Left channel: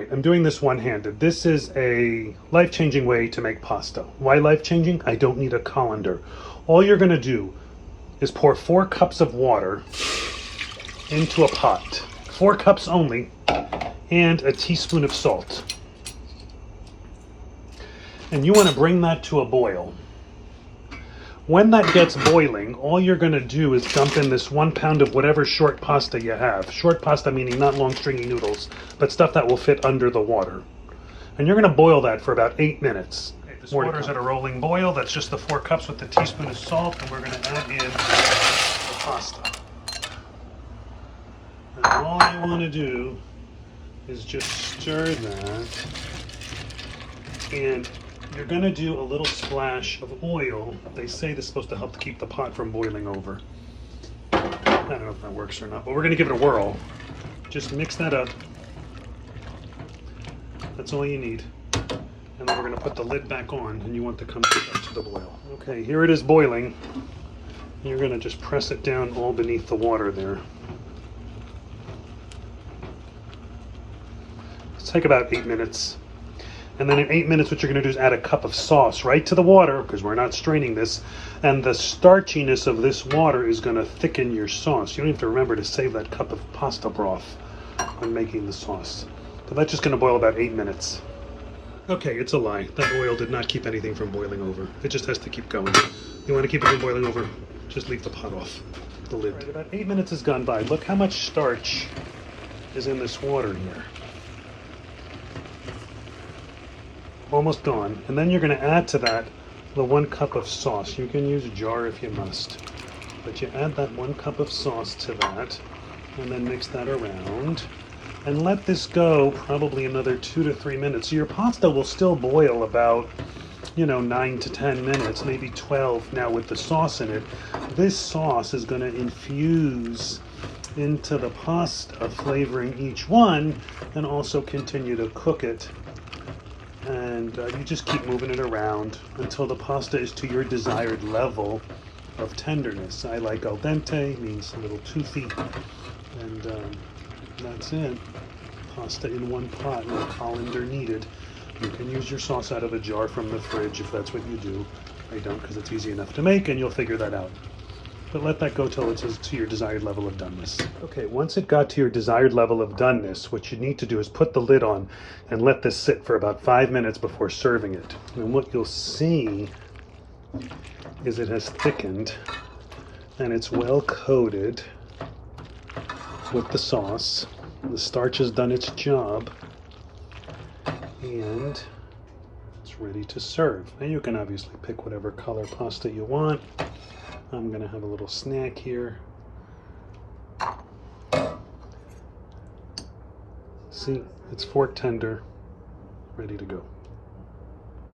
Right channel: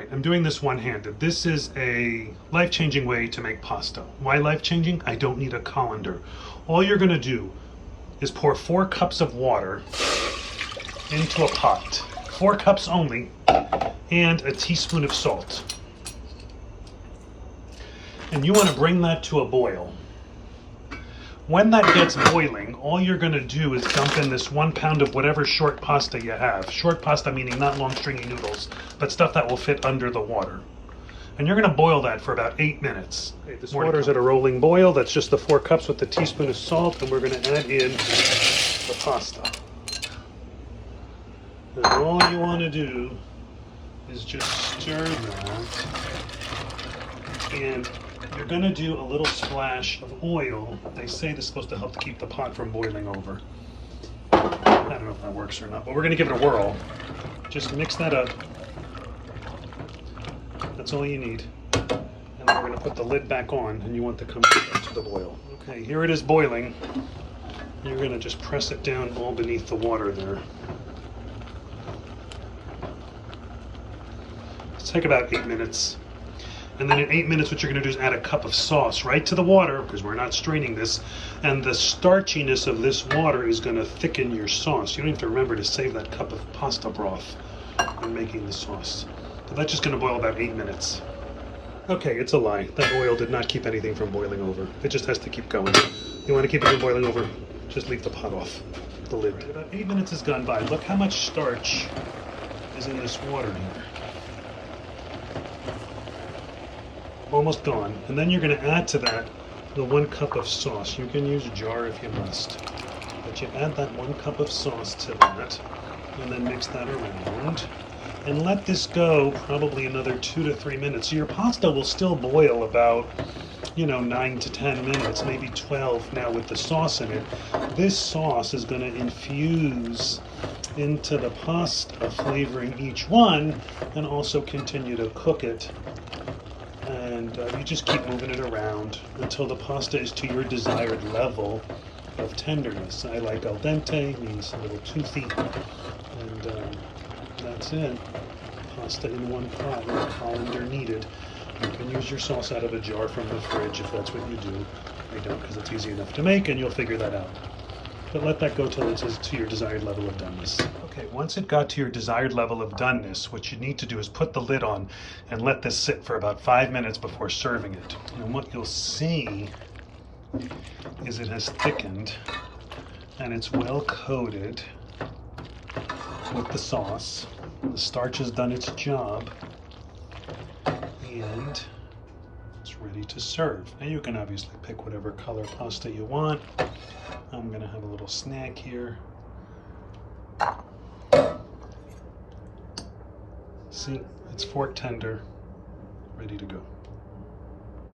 right, I'm doing this one-handed. This is a life-changing way to make pasta. Why life-changing? I don't need a colander. All you're gonna do is pour 4 cups of water into a pot. 4 cups only, and a teaspoon of salt. And you wanna bring that to a boil. When that gets boiling, all you're going to do is dump in this 1 pound of whatever short pasta you have. Short pasta meaning not long stringy noodles, but stuff that will fit under the water. And you're going to boil that for about 8 minutes. This water's at a rolling boil. That's just the 4 cups with the teaspoon of salt, and we're going to add in the pasta. And all you want to do is just stir that, and you're going to do a little splash of oil. They say this is supposed to help keep the pot from boiling over. I don't know if that works or not, but we're going to give it a whirl. Just mix that up. That's all you need. And then we're going to put the lid back on, and you want to come up to the boil. Okay, here it is boiling. You're going to just press it down all beneath the water there. It'll take about 8 minutes. And then in 8 minutes, what you're going to do is add a cup of sauce right to the water, because we're not straining this. And the starchiness of this water is going to thicken your sauce. You don't have to remember to save that cup of pasta broth when making the sauce. So that's just going to boil about 8 minutes. Okay, it's a lie. That oil did not keep anything from boiling over. It just has to keep going. You want to keep it from boiling over, just leave the pot off, the lid. About 8 minutes has gone by. Look how much starch is in this water here. Almost gone. And then you're going to add to that the 1 cup of sauce. You can use a jar if you must. But you add that 1 cup of sauce to that, and then mix that around. And let this go probably another 2 to 3 minutes. So your pasta will still boil about, 9 to 10 minutes, maybe 12 now with the sauce in it. This sauce is going to infuse into the pasta, flavoring each one, and also continue to cook it. And you just keep moving it around until the pasta is to your desired level of tenderness. I like al dente, means a little toothy, and that's it. Pasta in 1 pot, no colander needed. You can use your sauce out of a jar from the fridge if that's what you do. I don't, because it's easy enough to make, and you'll figure that out. But let that go till it's to your desired level of doneness. Okay, once it got to your desired level of doneness, what you need to do is put the lid on and let this sit for about 5 minutes before serving it. And what you'll see is it has thickened, and it's well coated with the sauce. The starch has done its job, and it's ready to serve. Now you can obviously pick whatever color pasta you want. I'm going to have a little snack here. See, it's fork tender, ready to go.